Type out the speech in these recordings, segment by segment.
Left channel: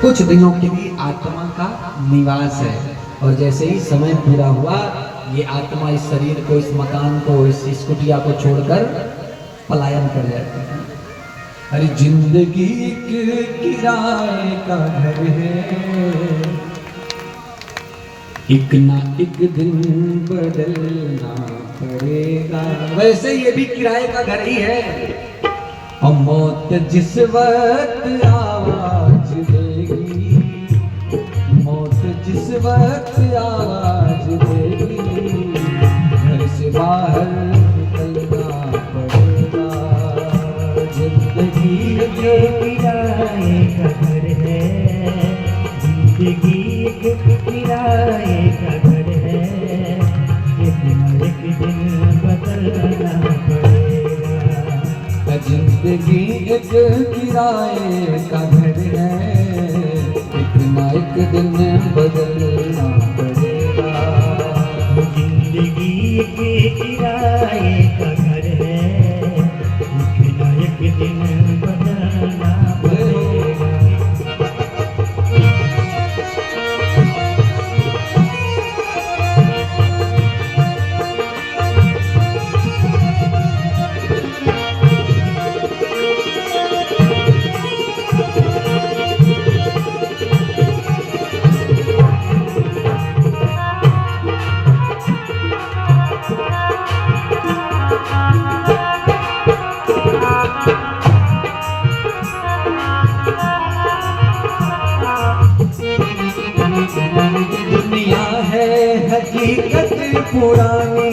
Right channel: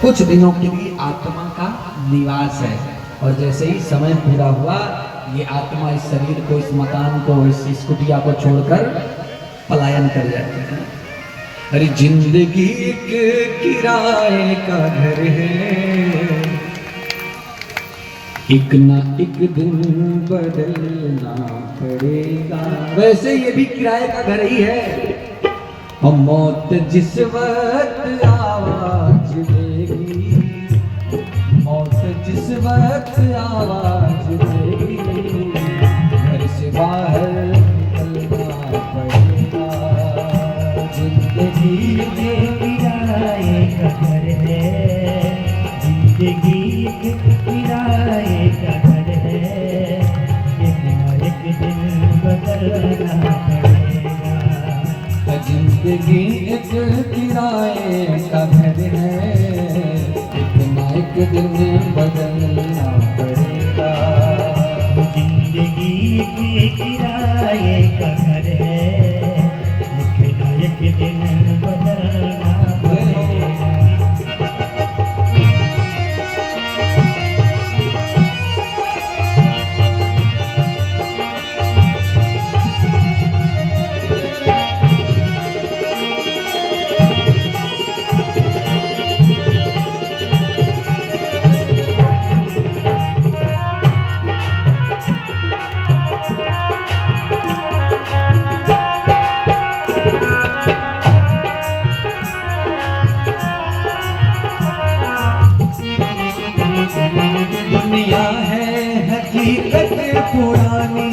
कुछ दिनों के लिए आत्मा का निवास है, और जैसे ही समय पूरा हुआ ये आत्मा इस शरीर को, इस मकान को, इस कुटिया को छोड़कर पलायन कर जाती है। अरे जिंदगी एक किराए का घर है, एक ना एक दिन बदलना पड़ेगा। वैसे ये भी किराए का घर ही है, और मौत जिस वक्त आवाज देगी, मौत जिस वक्त आवाज देगी, घर से बाहर निकलना पड़ेगा। जिंदगी के किराए का घर है, जिंदगी एक किराए का घर है, एक ना एक दिन बदलना पड़ेगा। जिंदगी एक किराए का घर है, एक ना एक दिन बदलना पड़ेगा। जिंदगी के किराए का घर है, एक ना एक दिन बदलना पड़ेगा। दुनिया है हकीकत पुरानी,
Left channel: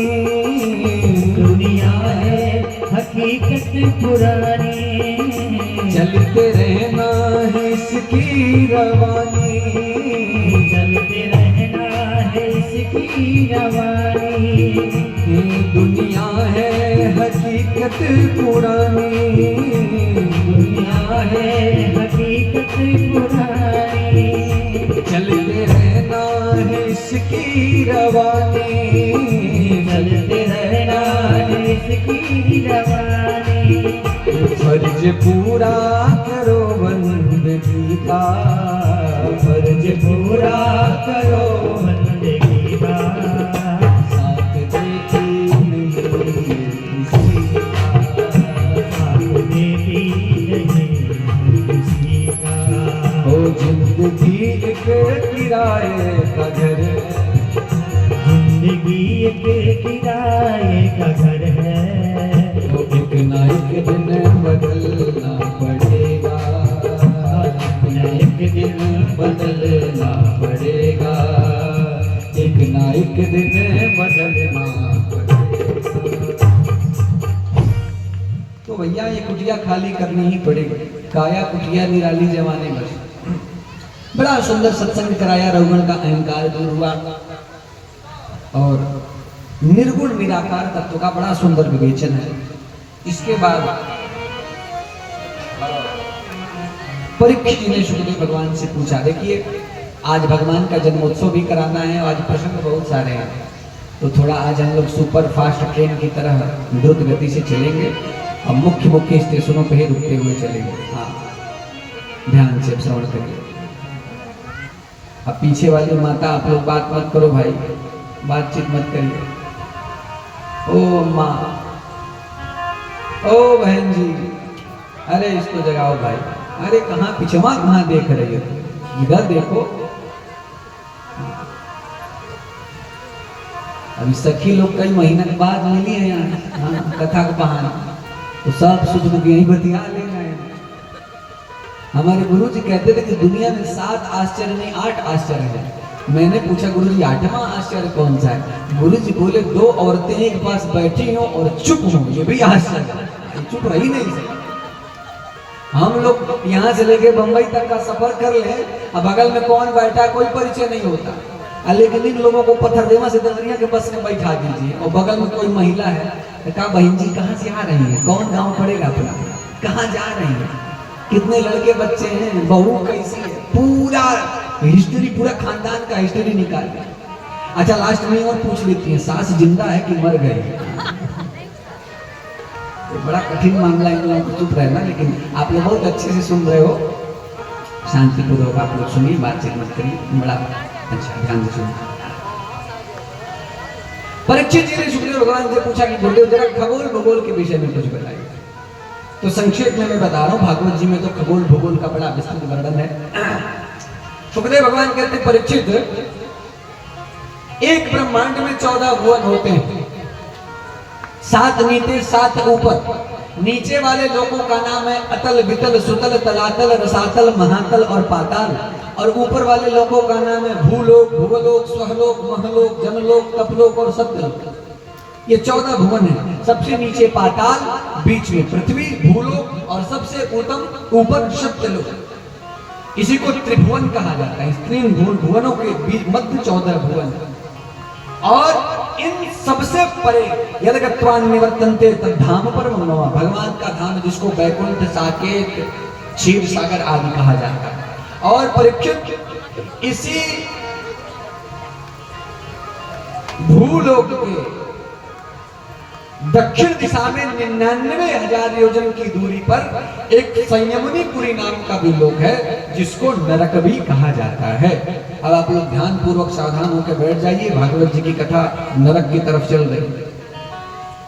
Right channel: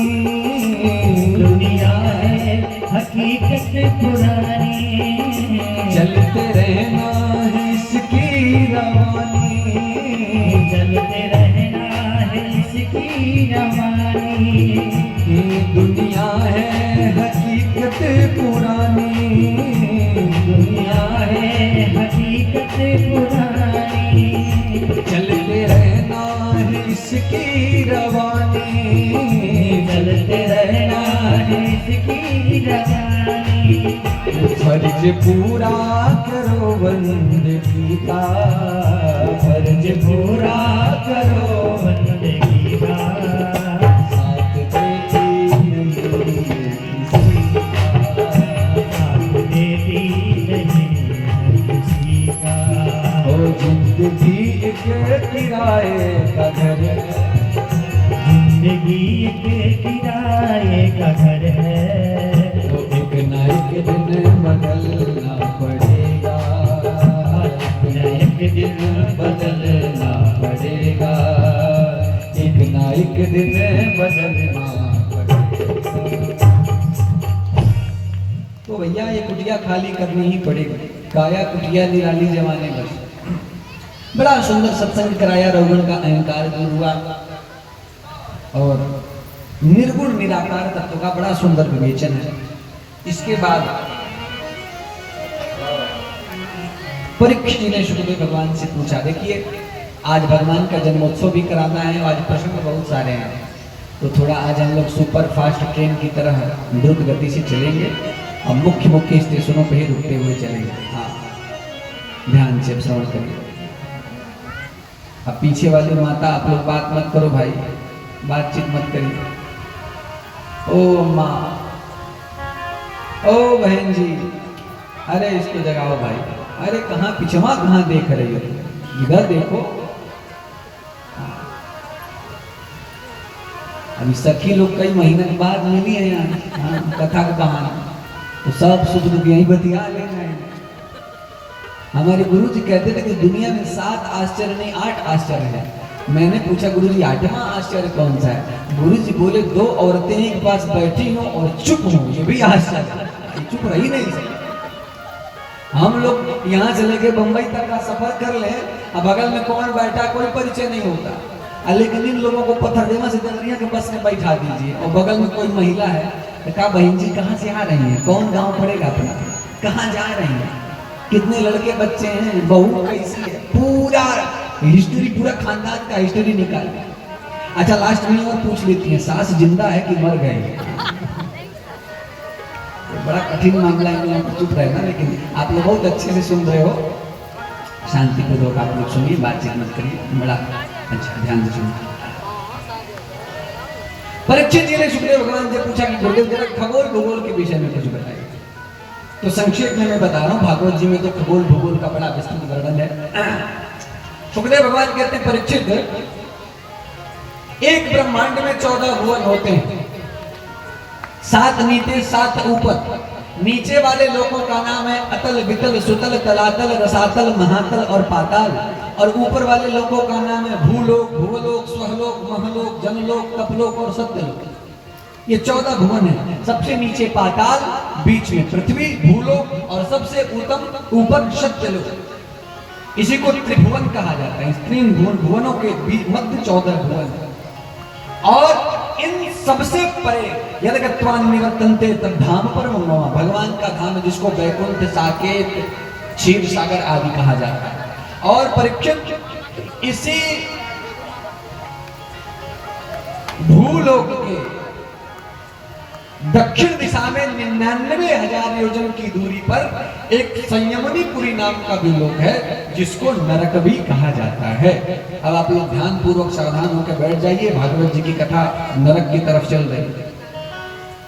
दुनिया है हकीकत पुरानी, चलते रहना है इसकी रवानी, चलते रहना है इसकी रवानी। दुनिया है हकीकत पुरानी, दुनिया है हकीकत पुरानी, चलते रहना है इसकी रवानी, चलते रहना है इसकी रवानी। फर्ज पूरा करो बंदगी का, फर्ज पूरा करो बंदगी का, साथ देती नहीं किसी का, साथ देती नहीं किसी का। ओ जिंदगी एक किराए का घर है, जिंदगी एक किराए का घर है, तो एक ना एक दिन बदलना पड़ेगा, एक दिन बदलना पड़ेगा, एक ना एक दिन बदलना पड़ेगा। तो भैया ये कुटिया खाली करनी ही पड़ेगी, काया कुटिया निराली जमाने बस। बड़ा सुंदर सत्संग कराया, रघुगण का अहंकार दूर हुआ, और निर्गुण निराकार तत्व का बड़ा सुंदर विवेचन है। इसके बाद परीक्षित जी ने सुखदेव भगवान से पूछा, देखिए आज भगवान का जन्मोत्सव भी कराना है, आज प्रसंग बहुत सारे हैं, तो थोड़ा आज हम लोग सुपर फास्ट ट्रेन की तरह द्रुत गति से चलेंगे, और मुख्य मुख्य स्टेशनों पर ही रुकते हुए चलेंगे। हाँ, ध्यान से श्रवण करिए। अब पीछे वाली माता, आप लोग बात मत करो भाई, बातचीत मत करिए। ओ माँ, ओ बहन जी, अरे इसको जगाओ भाई, अरे कहाँ पिछवा कहाँ देख रही हो, इधर देखो। अभी सखी लोग कई महीने के बाद मिली है यहाँ, हाँ, कथा के बहाने, तो सब सुख दुख यही बतिया ले रहे हैं। हमारे गुरु जी कहते थे कि दुनिया में 7 आश्चर्य नहीं 8 आश्चर्य है। मैंने पूछा गुरु जी 8वां आश्चर्य कौन सा है? गुरु जी बोले 2 औरतें एक पास बैठी हो और चुप हो, ये भी आश्चर्य है, चुप रही नहीं सकती। हम लोग यहाँ से लेके बंबई तक का सफर कर ले, अब बगल में कौन बैठा कोई परिचय नहीं होता, लेकिन इन लोगों को पत्थरदेवा से देवरिया के बस में बैठा दीजिए, और बगल में कोई महिला है, तो कहा बहन जी कहाँ से आ रही है, कौन गांव पड़ेगा अपना, कहाँ जा रही है, कितने लड़के बच्चे हैं, बहू कैसी है, पूरा हिस्ट्री, पूरा खानदान का हिस्ट्री निकाल। अच्छा लास्ट में और पूछ लेती है सास जिंदा है कि मर गई। बड़ा कठिन मामला है, इन लोगों को चुप रहना, लेकिन आप लोग बहुत अच्छे से सुन रहे हो। शांतिपूर्वक आप लोग सुनिए, बातचीत मत करिए, बड़ा अच्छा ध्यान से सुनिए। परीक्षित जी ने सुखदेव भगवान से पूछा कि गुरुदेव जरा खगोल भूगोल के विषय में कुछ बताइए। तो संक्षेप में मैं बता रहा हूँ, भागवत जी में तो खगोल भूगोल का बड़ा विस्तृत वर्णन है। सुखदेव भगवान कहते हैं, परीक्षित, एक ब्रह्मांड में 14 भुवन होते हैं, 7 नीचे 7 ऊपर। नीचे वाले लोगों का नाम है अतल, वितल, सुतल, तलातल, रसातल, महातल और पाताल। और ऊपर वाले लोगों का नाम है भूलोक, भुवलोक, स्वहलोक, महलोक, जनलोक, तपलोक और सत्यलोक। ये 14 भुवन है। सबसे नीचे पाताल, बीच में पृथ्वी, भूलोक और सबसे उत्तम ऊपर सत्यलोक। इसी को त्रिभुवन कहा जाता है। तीन भुवनों के बीच मध्य 14 भुवन। और इन सबसे परे यदि गत्वान निवर्तन्ते तद्धाम परमं मम, भगवान का धाम जिसको वैकुंठ, साकेत, क्षीर सागर आदि कहा जाता है। और परीक्षित, इसी भूलोक के दक्षिण दिशा में 99,000 योजन की दूरी पर एक संयमनीपुरी नाम का भी लोक है, जिसको नरक भी कहा जाता है। अब आप लोग ध्यान पूर्वक सावधान होकर बैठ जाइए। भागवत जी की कथा नरक की तरफ चल रही है।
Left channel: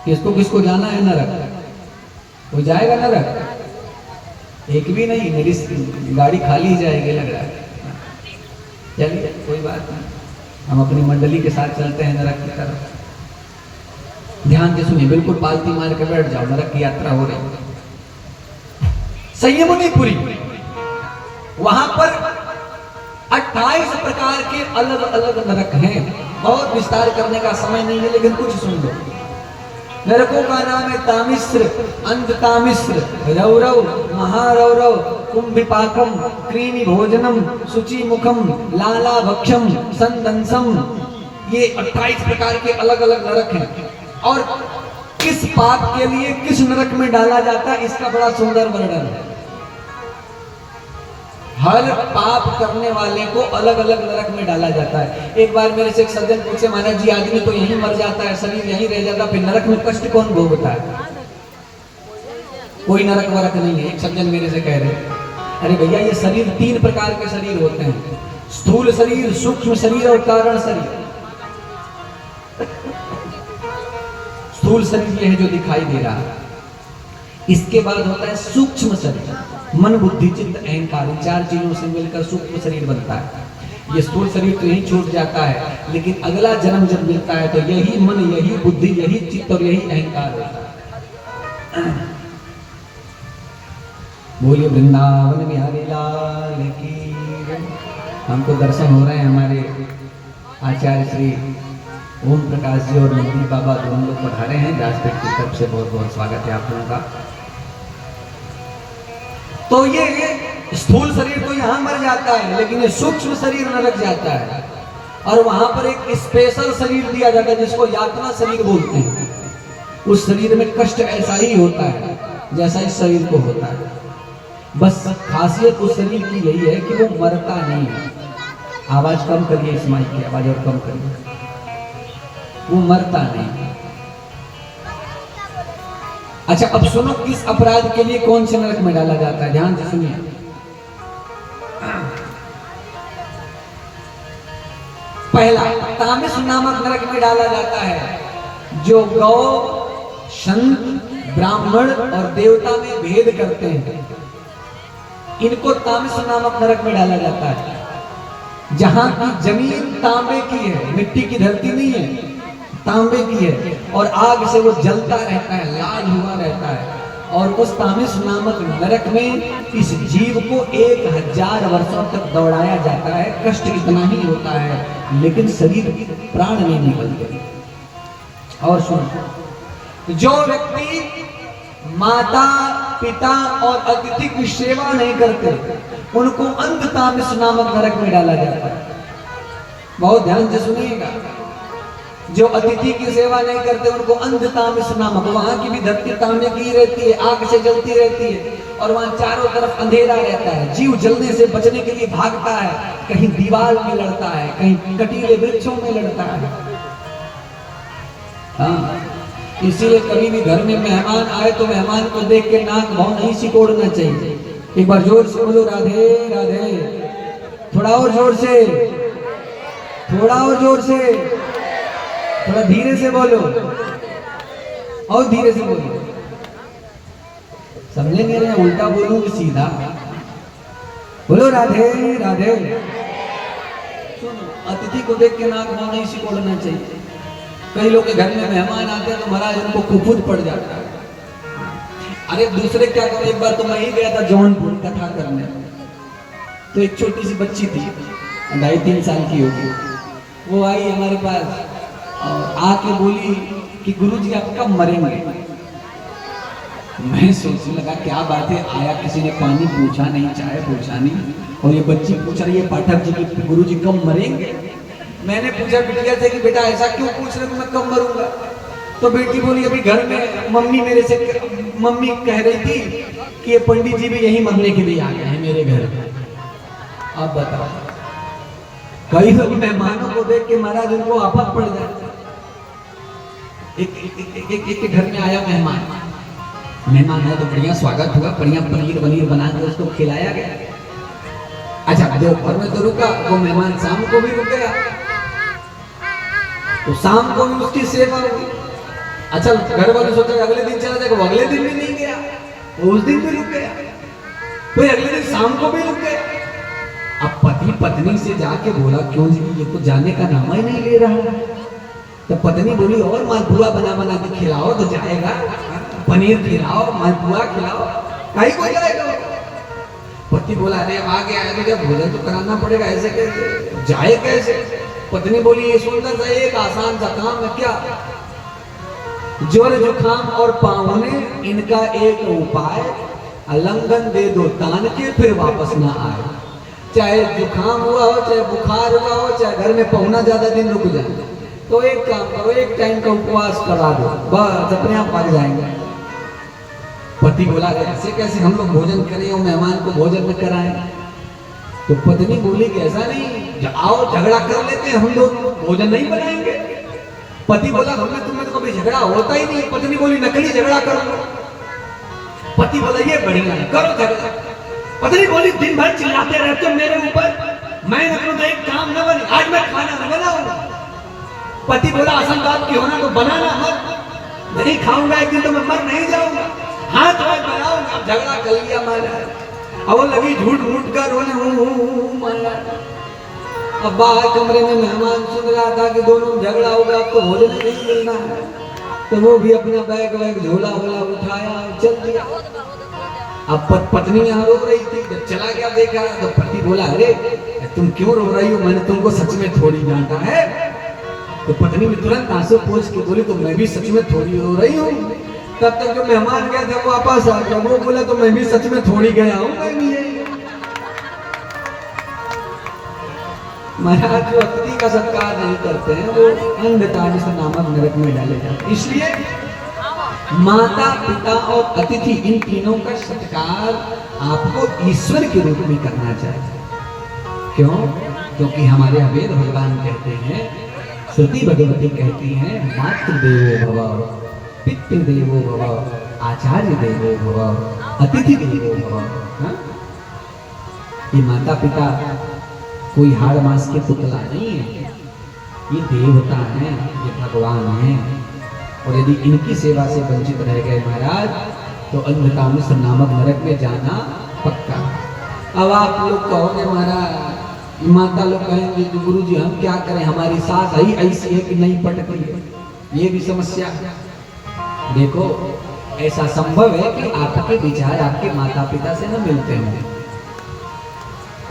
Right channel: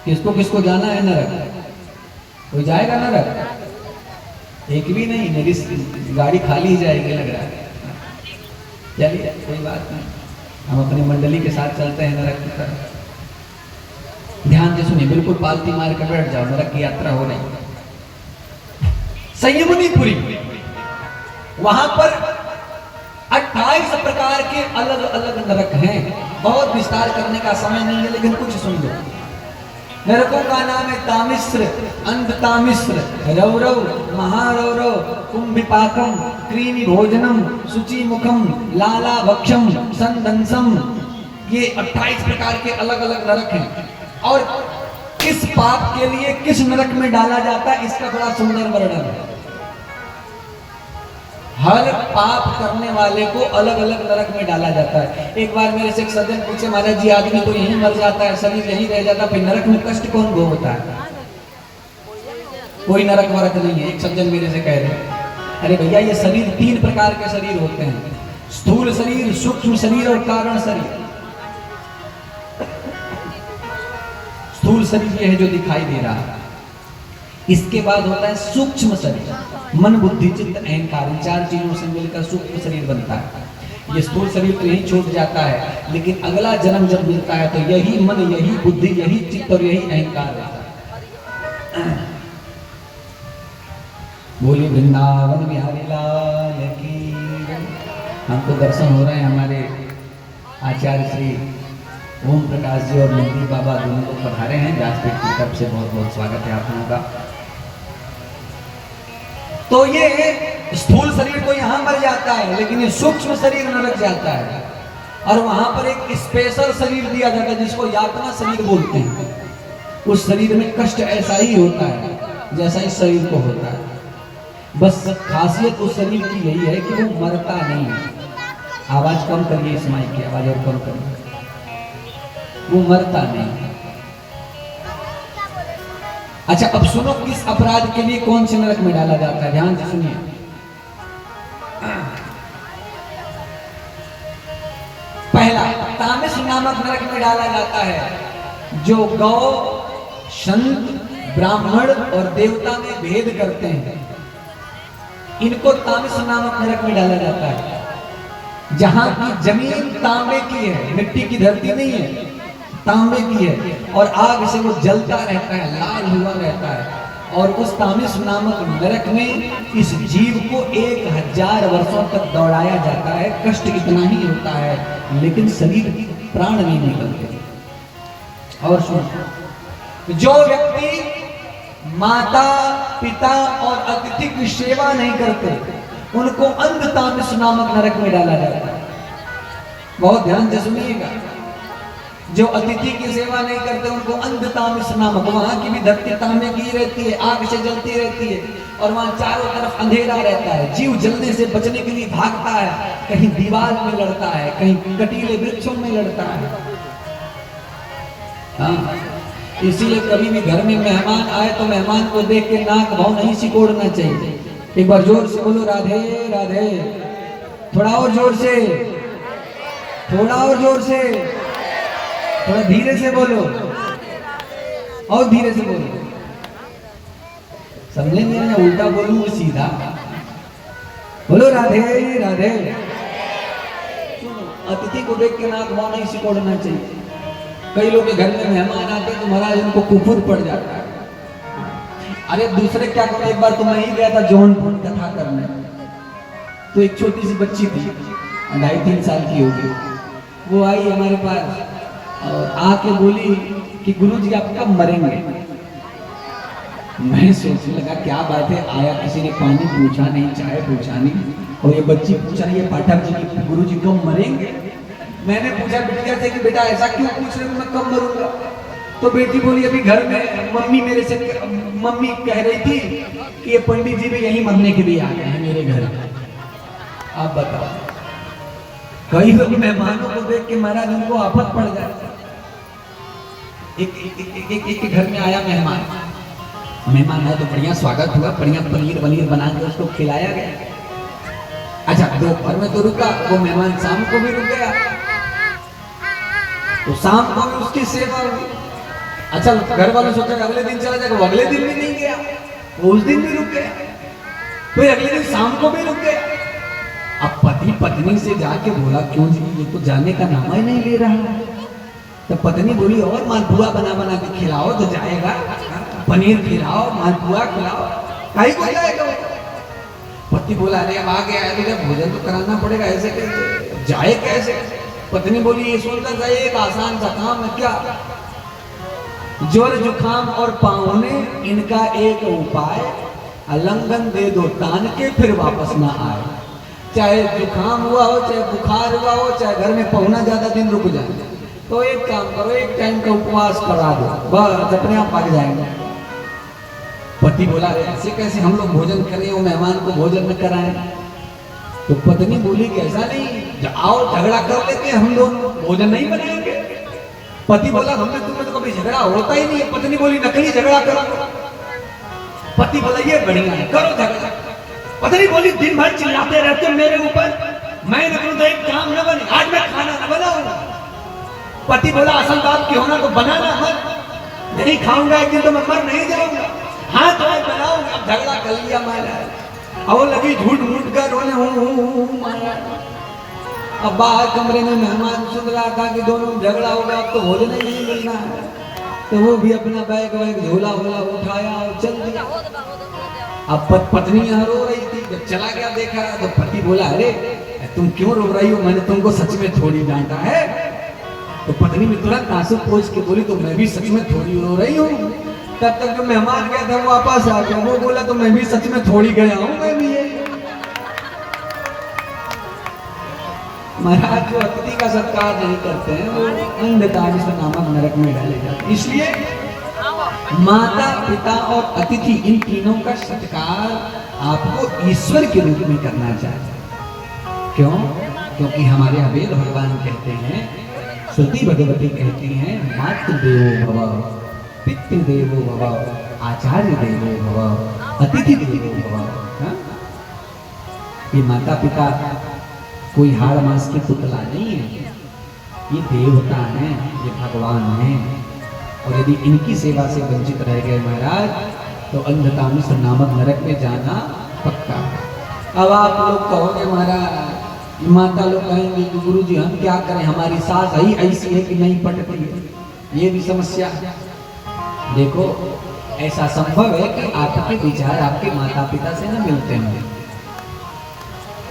किसको किसको जाना है नरक? कोई जाएगा नरक? एक भी नहीं, मेरी गाड़ी खाली ही जाएगी लग रहा है। चलिए कोई बात नहीं, हम अपनी मंडली के साथ चलते हैं नरक की तरफ। ध्यान से सुनिए, बिल्कुल पालती मार के बैठ जाओ, नरक की यात्रा हो रही है। संयमनीपुरी, वहां पर 28 प्रकार के अलग अलग नरक हैं। बहुत विस्तार करने का समय नहीं है, लेकिन कुछ सुन लो। नरकों का नाम है तामिश्र, अंधतामिश्र, रौरव, महारौरव, कुंभिपाकम, क्रीनि भोजनम, शुचि मुखम, लाला भक्षम, संदंसम। ये 28 प्रकार के अलग अलग नरक हैं। और किस पाप के लिए किस नरक में डाला जाता है, इसका बड़ा सुंदर वर्णन है। हर पाप करने वाले को अलग अलग नरक में डाला जाता है। एक बार मेरे से एक सज्जन पूछे, महाराज जी आदमी तो यहीं मर जाता है, शरीर यहीं रह जाता है, फिर नरक में कष्ट कौन भोगता है? कोई नरक वरक नहीं है। एक सज्जन मेरे से कह रहे, अरे भैया ये शरीर 3 प्रकार के शरीर होते हैं, स्थूल शरीर, सूक्ष्म शरीर और कारण शरीर। स्थूल शरीर ये है जो दिखाई दे रहा है। इसके बाद होता है सूक्ष्म शरीर, मन, बुद्धि, चित्त, अहंकार। 4 चीजों से मिलकर सूक्ष्म शरीर बनता है। ये स्थूल शरीर तो यही छूट जाता है, लेकिन अगला जन्म जब मिलता है तो यही मन, यही बुद्धि, यही चित्त और यही अहंकार होता है। बोलिए वृंदावन बिहारी लाल की। हमको दर्शन हो रहे हैं, हमारे आचार्य श्री ओम प्रकाश जी और नंदी बाबा दोनों लोग पधारे हैं। व्यासपीठ की तरफ से बहुत बहुत स्वागत है आप लोगों का। तो ये स्थूल शरीर तो यहाँ मर जाता है, लेकिन ये सूक्ष्म शरीर नरक जाता है। और वहां पर एक स्पेशल शरीर दिया जाता है जिसको यातना शरीर बोलते हैं। उस शरीर में कष्ट ऐसा ही होता है जैसा इस शरीर को होता है। बस खासियत उस शरीर की यही है कि वो मरता नहीं है। आवाज कम करिए, इस माइक की आवाज और कम करिए। वो मरता नहीं। अच्छा अब सुनो, किस अपराध के लिए कौन से नरक में डाला जाता है, ध्यान से सुनिए। पहला, तामिस नामक नरक में डाला जाता है जो गौ, संत, ब्राह्मण और देवता में भेद करते हैं। इनको तामिस नामक नरक में डाला जाता है। जहां की जमीन तांबे की है, मिट्टी की धरती नहीं है, तांबे की है, और आग से वो जलता रहता है, लाल हुआ रहता है। और उस तामिस नामक नरक में इस जीव को 1000 वर्षों तक दौड़ाया जाता है। कष्ट इतना ही होता है, लेकिन शरीर प्राण नहीं निकलते। और सुनो, जो व्यक्ति माता, पिता और अतिथि की सेवा नहीं करते, उनको अंधतामिस नामक नरक में डाला जाता है। बहुत ध्यान से सुनिएगा। जो अतिथि की सेवा नहीं करते उनको अंधतामिस नामक, वहां की भी धरती तांबे की रहती है, आग से जलती रहती है, और वहां चारों तरफ अंधेरा रहता है। जीव जलने से बचने के लिए भागता है, कहीं दीवार में लड़ता है, कहीं कटीले वृक्षों में लड़ता है। हाँ, इसीलिए कभी भी घर में मेहमान आए तो मेहमान को देख के नाक भाव नहीं सिकोड़ना चाहिए। एक बार जोर से बोलो राधे राधे। थोड़ा और जोर से, थोड़ा और जोर से, थोड़ा धीरे से बोलो, और धीरे से बोलो। समझे नहीं रहे, उल्टा बोलूं कि सीधा? बोलो राधे राधे। सुनो, अतिथि को देख के नाक मुंह नहीं सिकोड़ना चाहिए। कई लोग के घर में मेहमान आते हैं तो महाराज उनको कुफुत पड़ जाता है। अरे दूसरे क्या कहते, एक बार तो मैं ही गया था जौनपुर कथा करने, तो एक छोटी सी बच्ची थी, 2.5-3 साल की होगी, वो आई हमारे पास और आके बोली कि गुरुजी आप कब मरेंगे। मैं सोचने लगा क्या बात है, आया किसी ने पानी पूछा नहीं, चाय पूछा नहीं, और ये बच्ची पूछ रही है पाठक जी की गुरुजी कब मरेंगे। मैंने पूछा बिटिया से कि बेटा ऐसा क्यों पूछ रहे हो, मैं कब मरूंगा। तो बेटी बोली अभी घर में मम्मी कह रही थी कि ये पंडित जी भी यही मरने के लिए आ गए हैं मेरे घर। आप बताओ, कई लोग मेहमानों को देख के महाराज उनको आफत पड़ जाता है। एक घर में आया मेहमान हो तो बढ़िया स्वागत हुआ, बढ़िया पनीर बना के उसको खिलाया गया। अच्छा दोपहर में तो रुका वो मेहमान, शाम को भी रुक गया, तो शाम को भी उसकी सेवा हुई। अच्छा घर वाले सोचा अगले दिन चला जाएगा, वो अगले दिन भी नहीं गया, वो उस दिन भी रुक गया, फिर अगले दिन शाम को भी रुक गया। अब पति पत्नी से जाके बोला क्यों जी ये तो जाने का नाम ही नहीं ले रहा है। तो पत्नी बोली और मालपुआ बना के खिलाओ तो जाएगा, पनीर खिलाओ, मालपुआ खिलाओ, कहीं को जाएगा। पति बोला अरे अब आ गया है तो जब भोजन तो कराना पड़ेगा, ऐसे कैसे जाए कैसे। पत्नी बोली ये सुंदर सा एक आसान सा काम है क्या, ज्वर जुखाम और पाहुने इनका एक उपाय, अलंगन दे दो तान के फिर वापस ना आए। चाहे जुखाम हुआ हो, चाहे बुखार हुआ हो, चाहे घर में पहुना ज्यादा दिन रुक जाए, तो एक काम करो, एक टाइम का उपवास करा दो, बस अपने आप भाग जाएंगे। पति बोला ऐसे कैसे हम लोग भोजन करें और मेहमान को भोजन न कराएं। तो पत्नी बोली कि ऐसा नहीं, आओ झगड़ा कर लेते हैं हम दोनों, भोजन नहीं बनाएंगे। पति बोला हमने तुम्हें तो कभी झगड़ा होता ही नहीं। पत्नी बोली नकली झगड़ा करो। पति बोला ये बढ़िया है, करो झगड़ा। पत्नी बोली दिन भर चिल्लाते रहते हो मेरे ऊपर, मैं न करूं तो एक काम न बने, आज मैं खाना न बनाऊंगा। पति बोला असल बात की होना तो बनाना मत, नहीं खाऊंगा एक दिन तो मैं मर नहीं जाऊंगा। हाँ तो मैं बनाऊंगा। अब झगड़ा कर लिया मैंने, अब लगी झूठ मूठ कर रोने। अब बाहर कमरे में मेहमान सुन रहा था कि दोनों झगड़ा हो गया, अब तो भोजन नहीं मिलना है, तो वो भी अपना बैग झोला वोला उठाया और चल दिया। अब पत्नी यहाँ रो रही थी, जब चला गया देखा तो पति बोला अरे तुम क्यों रो रही हो, मैंने तुमको सच में थोड़ी डांटा है। तो पत्नी ने तुरंत आंसू पोंछ के बोली तो मैं भी सच में थोड़ी रो रही हूँ। तब तक जो मेहमान गया था वो वापस आ गया, वो बोला तो मैं भी सच में थोड़ी गया हूँ। महाराज जो अतिथि का सत्कार नहीं करते हैं वो अंधताड़िस नामक नरक में डाले जाते हैं। इसलिए माता पिता और अतिथि इन तीनों का सत्कार आपको ईश्वर के रूप में करना चाहिए। क्यों? क्योंकि हमारे वेद भगवान कहते हैं, श्रुति भगवती कहती हैं, मातृदेवो भव, पितृदेवो भव, आचार्य देवो भव, अतिथि देवो भव। ये माता पिता कोई हाड़ मांस के पुतला नहीं है, ये देवता हैं, ये भगवान हैं। और यदि इनकी सेवा से वंचित रह गए महाराज तो अंधतामिश्र नामक नरक में जाना पक्का। अब आप लोग कहोगे महाराज, माता लोग कहेंगे कि गुरुजी हम क्या करें, हमारी सास ही ऐसी है कि नहीं पटती है, ये भी समस्या है। देखो ऐसा संभव है कि आपके विचार आपके माता पिता से न मिलते हों,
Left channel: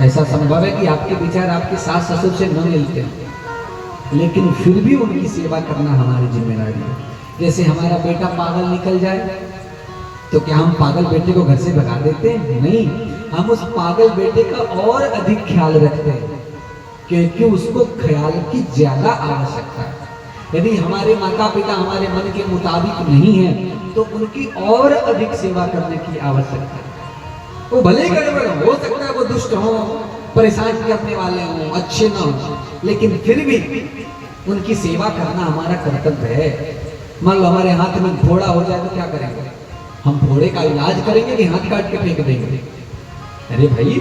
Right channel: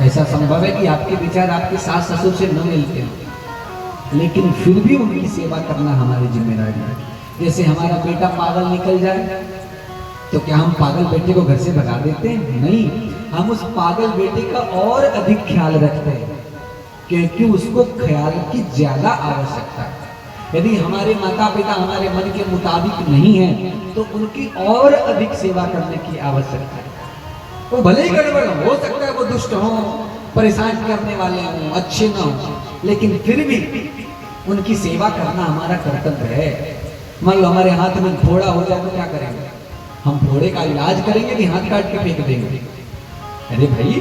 ऐसा संभव है कि आपके विचार आपके सास ससुर से न मिलते हों, लेकिन फिर भी उनकी सेवा करना हमारी जिम्मेदारी है। जैसे हमारा बेटा पागल निकल जाए तो क्या हम पागल बेटे को घर से भगा देते हैं? नहीं, हम उस पागल बेटे का और अधिक ख्याल रखते हैं क्योंकि उसको ख्याल की ज्यादा आवश्यकता है। यदि हमारे माता पिता हमारे मन के मुताबिक नहीं है तो उनकी और अधिक सेवा करने की आवश्यकता है। वो भले ही गड़बड़ हो सकता है, वो दुष्ट हो, परेशान करने वाले हो, अच्छे ना हो, लेकिन फिर भी उनकी सेवा करना हमारा कर्तव्य है। मान लो हमारे हाथ में फोड़ा हो जाए तो क्या करेंगे? हम फोड़े का इलाज करेंगे कि हाथ काट के फेंक देंगे? अरे भाई,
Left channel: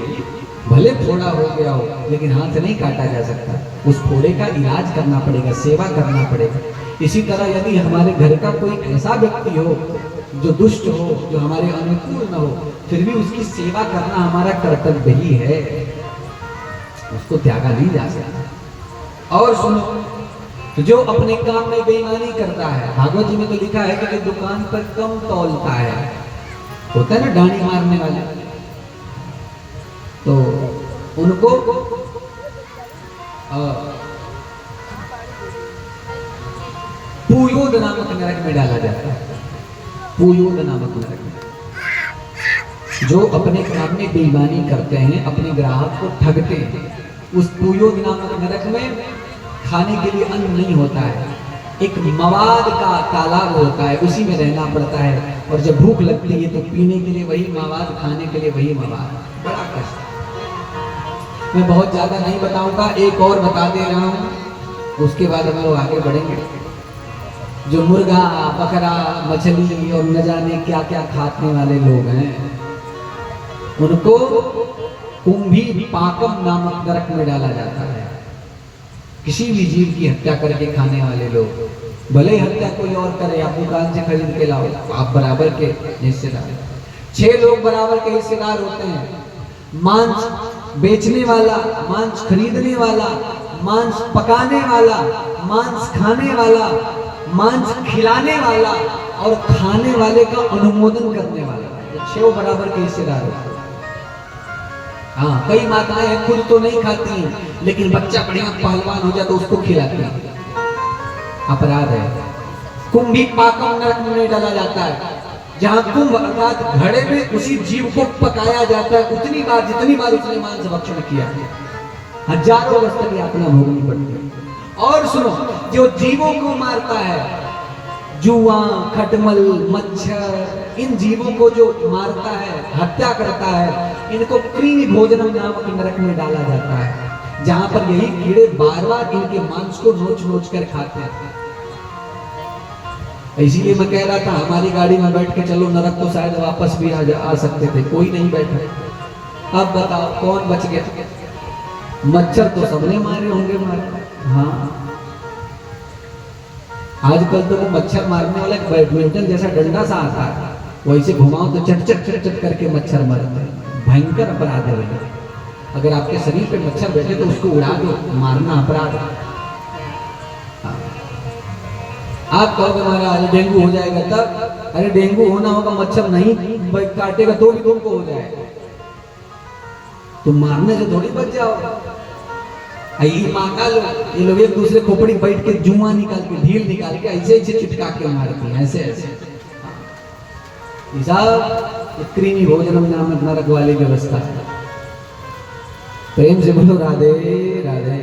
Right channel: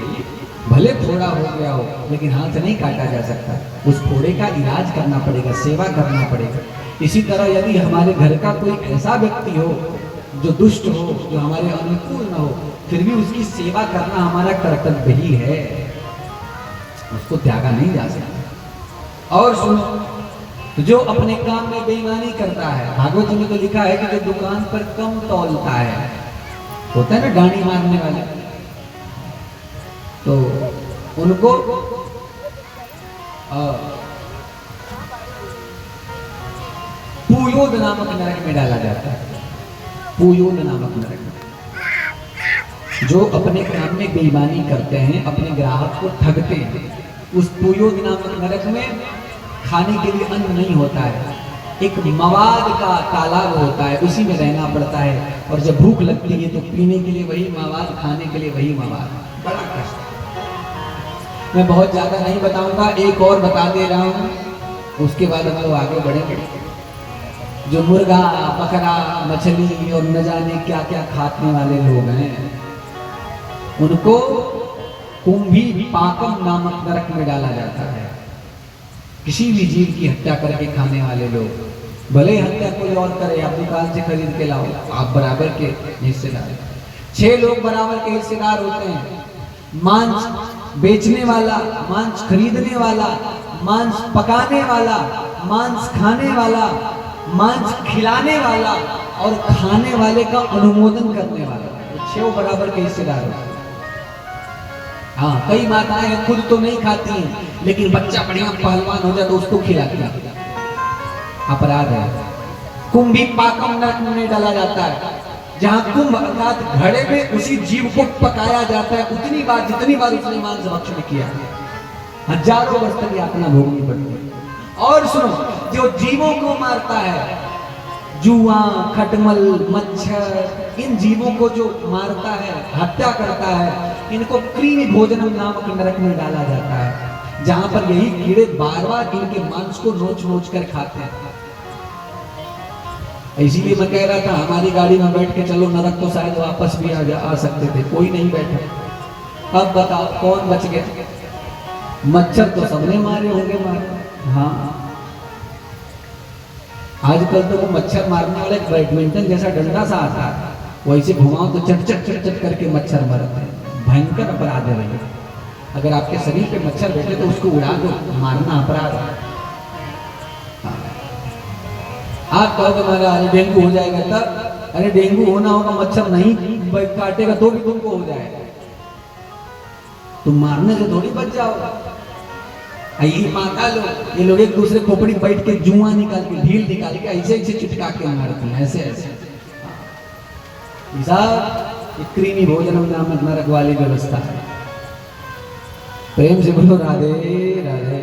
भले फोड़ा हो गया हो लेकिन हाथ नहीं काटा जा सकता, उस फोड़े का इलाज करना पड़ेगा, सेवा करना पड़ेगा। इसी तरह यदि हमारे घर का कोई ऐसा व्यक्ति हो जो दुष्ट हो, जो हमारे अनुकूल न हो, फिर भी उसकी सेवा करना हमारा कर्तव्य ही है, उसको त्यागा नहीं जा सकता। और सुनो, जो अपने काम में बेईमानी करता है, भागवत में तो लिखा है कि जो दुकान पर कम तौलता है, होता है ना डांडी मारने वाले, तो उनको पुयोद नामक नरक में डाला जाता है। पुयोद नामक नरक में जो अपने काम में बेईमानी करते हैं, अपने ग्राहक को ठगते हैं, उस पुयोद नामक नरक में खाने के लिए अन्न नहीं होता है, एक मवाद का तालाब होता है, उसी में रहना पड़ता है। और जब भूख लगती है तो पीने के लिए वही मवाद, खाने के लिए वही मवाद, बड़ा कष्ट। मैं बहुत ज्यादा नहीं बताऊंगा, एक और बता दे रहा हूं, उसके बाद हम लोग आगे बढ़ेंगे। जो मुर्गा, बकरा, मछली और न जाने क्या क्या खाने वाले लोग हैं, उनको कुंभी पाकम नामक नरक में डाला जाता है। किसी भी जीव की हत्या करके खाने वाले लोग, भले ही हत्या कोई और करे, आप दुकान से खरीद के लाओ, आप बराबर के हिस्सेदार। 6 लोग बराबर के हिस्सेदार होते हैं, मांस बेचने वाला, मांस खरीदने वाला, मांस पकाने वाला, मांस खाने वाला, मांस खिलाने वाला और खाने वाले का अनुमोदन करने वाला, ये 6 बराबर के हिस्सेदार होते हैं। हाँ, कई माताएं खुद तो नहीं खाती हैं, लेकिन बच्चा बढ़िया पहलवान हो जाए तो उसको खिलाती हैं, अपराध है। कुंभी पाकम नरक में डाला जाता है, जहां कुंभ अर्थात घड़े में उसी जीव को पकाया जाता है उतनी बार जितनी बार उसने मांस भक्षण किया, हजारों वर्ष तक यातना भोगनी पड़ती है। और सुनो, जो जीवों को मारता है, जुआ, खटमल, मच्छर, इन जीवों को जो मारता है, हत्या करता है, इनको कृमि भोजनम नामक नरक में डाला जाता है, जहां पर यही कीड़े बार बार इनके मांस को नोच नोच कर खाते हैं। इसीलिए मैं कह रहा था, हमारी गाड़ी में बैठ के चलो नरक तो शायद वापस भी आ सकते थे, कोई नहीं बैठा। अब बताओ कौन बच गया? मच्छर तो सबने मारे होंगे, मारे। हाँ, आजकल तो वो मच्छर मारने वाला एक बैडमिंटन जैसा डंडा सा आता है, वैसे घुमाओ तो चट चट चट चट करके मच्छर मरते हैं। भयंकर अपराध है भैया, अगर आपके शरीर पे मच्छर बैठे तो उसको उड़ा दो, मारना अपराध है। आप कहोगे मारा अरे डेंगू हो जाएगा, तब अरे डेंगू होना होगा, मच्छर नहीं काटेगा तो भी तुमको हो जाएगा, तुम मारने से थोड़ी बच जाओगे। यही पागल ये लोग एक दूसरे खोपड़ी बैठ के जुआ निकाल के, ढील निकाल के ऐसे ऐसे चिटका के मारते हैं, ऐसे ऐसे। कृमि भोजनम नामक नरक वाली व्यवस्था है। प्रेम से बोलो राधे राधे।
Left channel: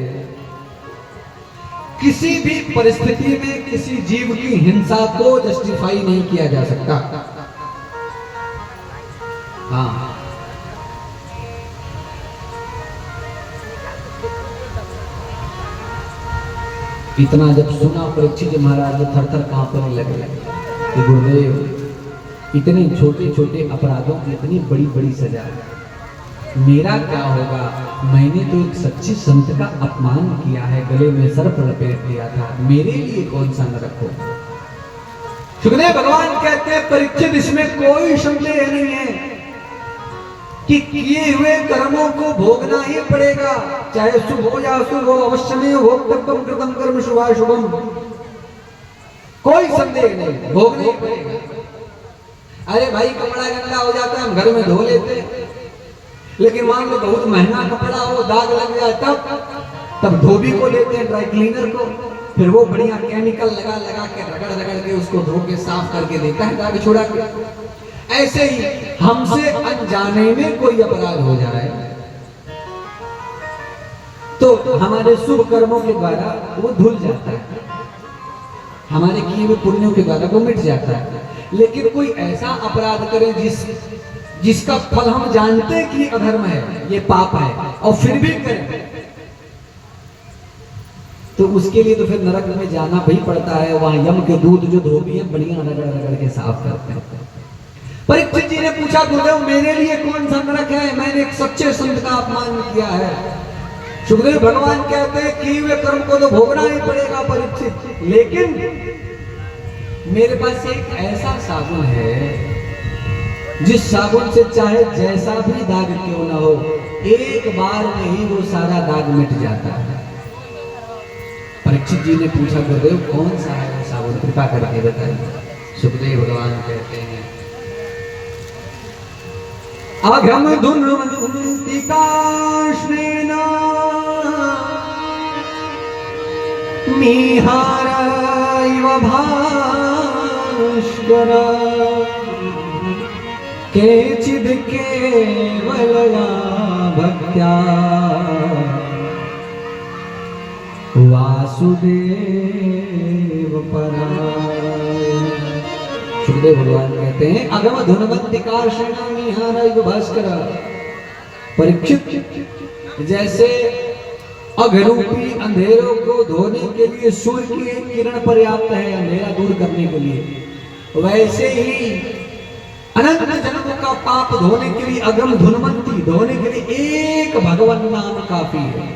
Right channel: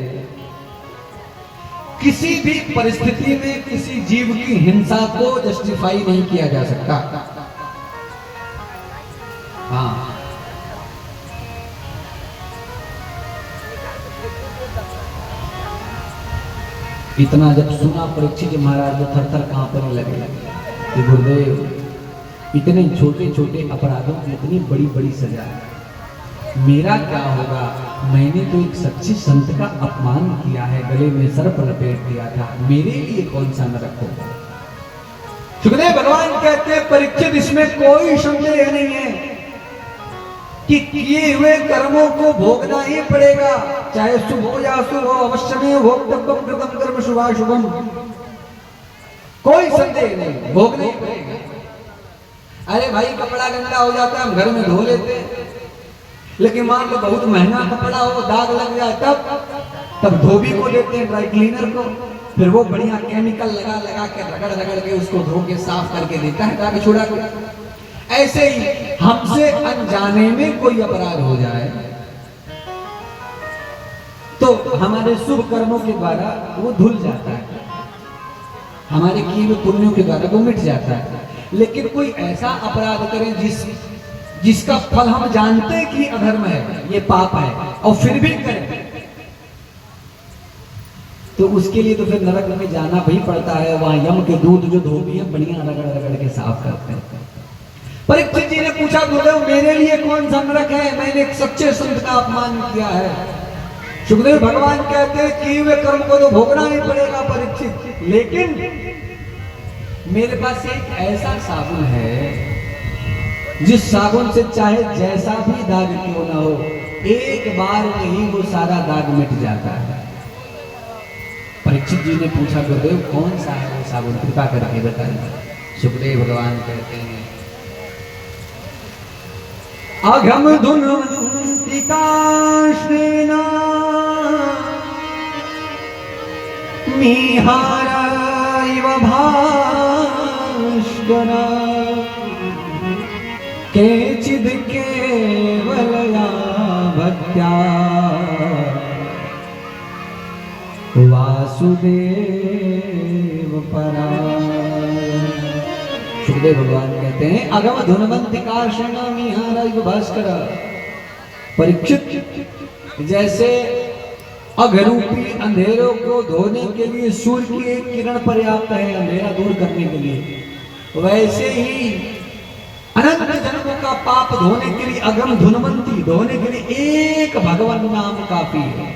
किसी भी परिस्थिति में किसी जीव की हिंसा को जस्टिफाई नहीं किया जा सकता। हाँ, इतना जब सुना परीक्षित महाराज तो थर थर कांपने लगे कि गुरुदेव, इतने छोटे छोटे अपराधों की इतनी बड़ी बड़ी सजा है, मेरा क्या होगा? मैंने तो एक सच्चे संत का अपमान किया है, गले में सर्प लपेट दिया था, मेरे लिए कौन सा नरक होगा? सुखदेव भगवान कहते हैं परीक्षित, इसमें कोई संदेह नहीं है कि किए हुए कर्मों को भोगना ही पड़ेगा, चाहे शुभ हो या अशुभ हो, अवश्य में भोक्तव्यम कृतम कर्म शुभाशुभम, कोई संदेह नहीं, भोगना ही पड़ेगा। अरे भाई, कपड़ा गंदा हो जाता है, हम घर में धो लेते हैं, लेकिन मान लो बहुत महंगा कपड़ा हो, दाग लग जाए, तब धोबी को लेते हैं, ड्राई क्लीनर को, फिर वो बढ़िया केमिकल लगा लगा के रगड़ रगड़ के उसको धो के साफ करके देता है, दाग छुड़ा के। ऐसे ही हमसे अनजाने में कोई अपराध हो जाए तो हमारे शुभ कर्मों के द्वारा वो धुल जाता है, हमारे किए हुए पुण्यों के द्वारा वो मिट जाता है। लेकिन कोई ऐसा अपराध करे जिसका फल हम जानते हैं कि अधर्म है, ये पाप है, और फिर भी करें, तो उसके लिए तो फिर नरक में जाना भी पड़ता है। वहां यम के दूत जो धोबी है बढ़िया रगड़ रगड़ के साफ करते हैं। परीक्षित जी ने पूछा, गुरुदेव मेरे लिए कौन सा नरक है, मैंने एक सच्चे संत का अपमान किया है। सुखदेव भगवान कहते हैं कि वे कर्म को तो भोगना ही पड़ेगा परीक्षित, लेकिन मेरे पास एक ऐसा साबुन है जिस साबुन से चाहे जैसा भी दाग क्यों ना हो, एक बार में ही वो सारा दाग मिट जाता है। परीक्षित जी ने पूछा, गुरुदेव कौन सा है वो साबुन, कृपा करके बताइए। सुखदेव भगवान कहते हैं, अघम धुनवंतिकाश्रेण मीहाराइव भास्कर केचिद् केवलया भक्त्या वासुदेव परायण। सुखदेव भगवान कहते हैं, अगम धुनवंतिकाश्रेण मीहाराइव भास्कर। परीक्षित, जैसे अघरूपी अंधेरों को धोने के लिए सूर्य की एक किरण पर्याप्त है अंधेरा दूर करने के लिए, वैसे ही अनंत जन्मों का पाप धोने के लिए, अगम धुनवंती धोने के लिए एक भगवान नाम काफी है।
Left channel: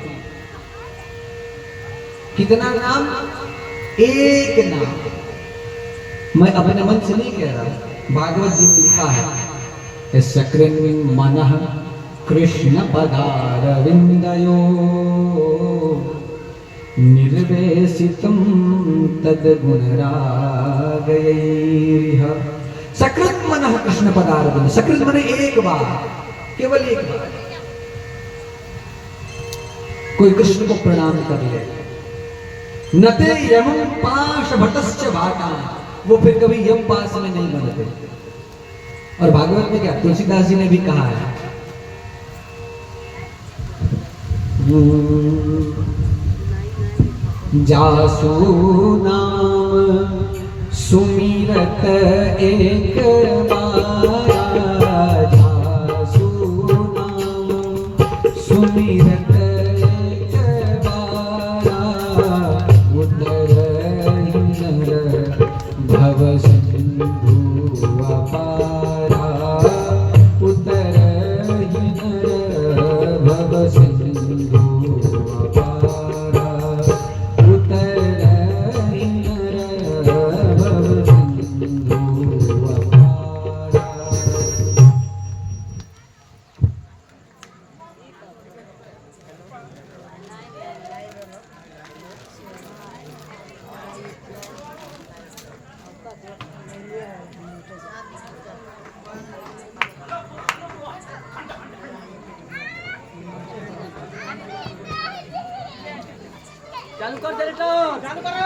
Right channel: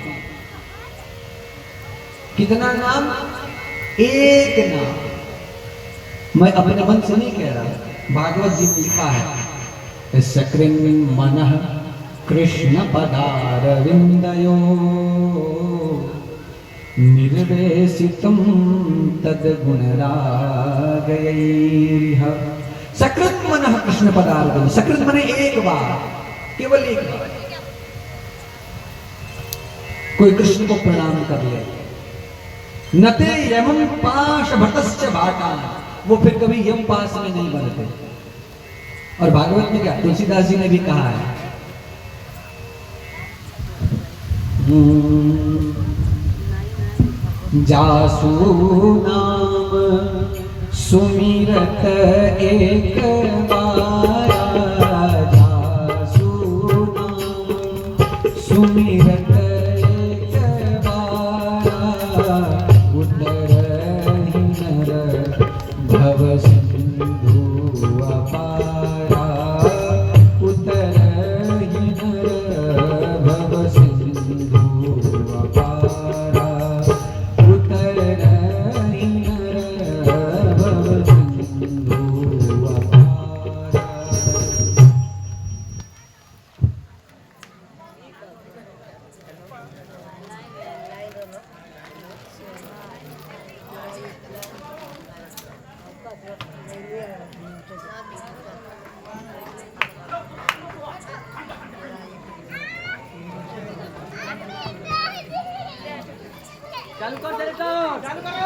कितना नाम? एक नाम। मैं अपने मन से नहीं कह रहा, भागवत जी में लिखा है, सक्रिं मनः कृष्ण पदारविंदयो निर्वेशितं तद्गुणरागैः। सकृत मनः कृष्ण पदारविंद। सकृत मने एक बार, केवल एक बार कोई कृष्ण को प्रणाम कर ले, नते यमं पाशभटश्च भाटा, वो फिर कभी यम पास में नहीं बनते। और भागवत में क्या तुलसीदास जी ने भी कहा है, जासु नाम सुमिरत एक बारा, जासु नाम सुमिरत एक बारा, उतरहि नर भव सिंधु अपारा, उतरहि नर भव सिंधु अपारा, उतरहि नर भव सिंधु अपारा। चालू कर, चालू कर।